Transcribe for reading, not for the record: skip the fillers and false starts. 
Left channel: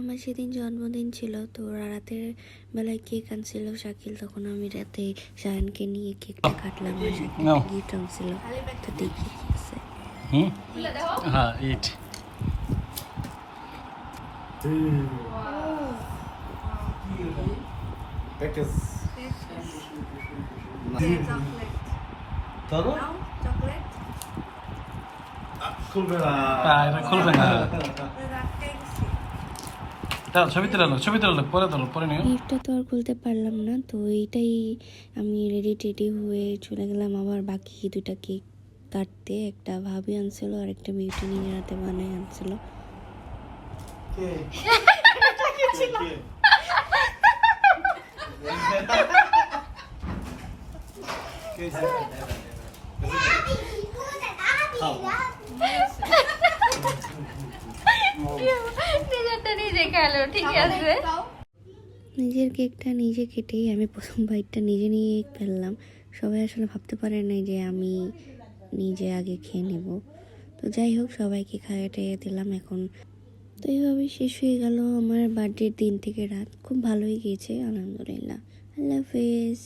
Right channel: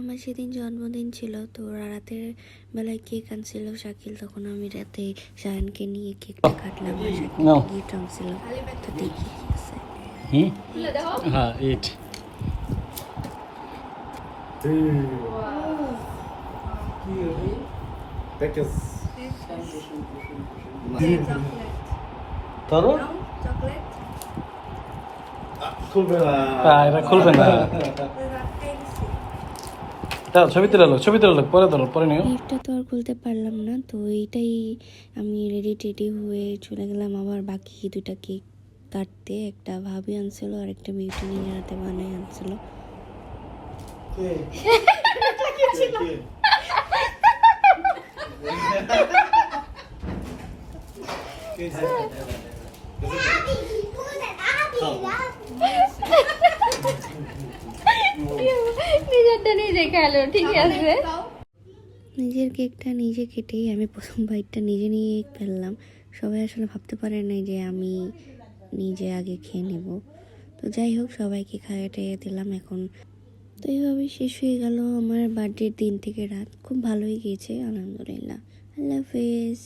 আমার সেদিন জন্মদিন ছিল, তো রাতের বেলায় কেক আনছিল শাকিল, তখন আমি রাতে শায়ানকে নিয়ে কেকটা কাটলাম আর শাকিল গিফট আনছিল। তো দেখি কি আছে। হ্যাঁ ইট খুলবে না। ছবি তুলে লোক পরে নিও। গিফটটা তো আর খুলতে পারলাম না, তো এইটাই আমি রেডি হয়ে চলে গেলাম আবার বাকি দুটা কেক কাটতে। একটা ভাবি আনছিল আর একটা বিউটি নিজের হাতে বানায় আনছিল। নিজের কেকটা নিজে কেটেই আমি প্রথম বাইটটা নিজে নিয়ে ফেললাম। সবাই আসলে ভাবতে পারে নাই যে আমি নিজে আগে খেয়ে নেব। তো যাই হোক, সবাইকে খাইয়ে দিলাম এখন। তো এইভাবেই শেষ হয়ে গেল আমার বার্থডের দিন থেকে রাত। খুব ভালোই গিয়েছে আলহামদুলিল্লাহ। আল্লাহ হাফেজ।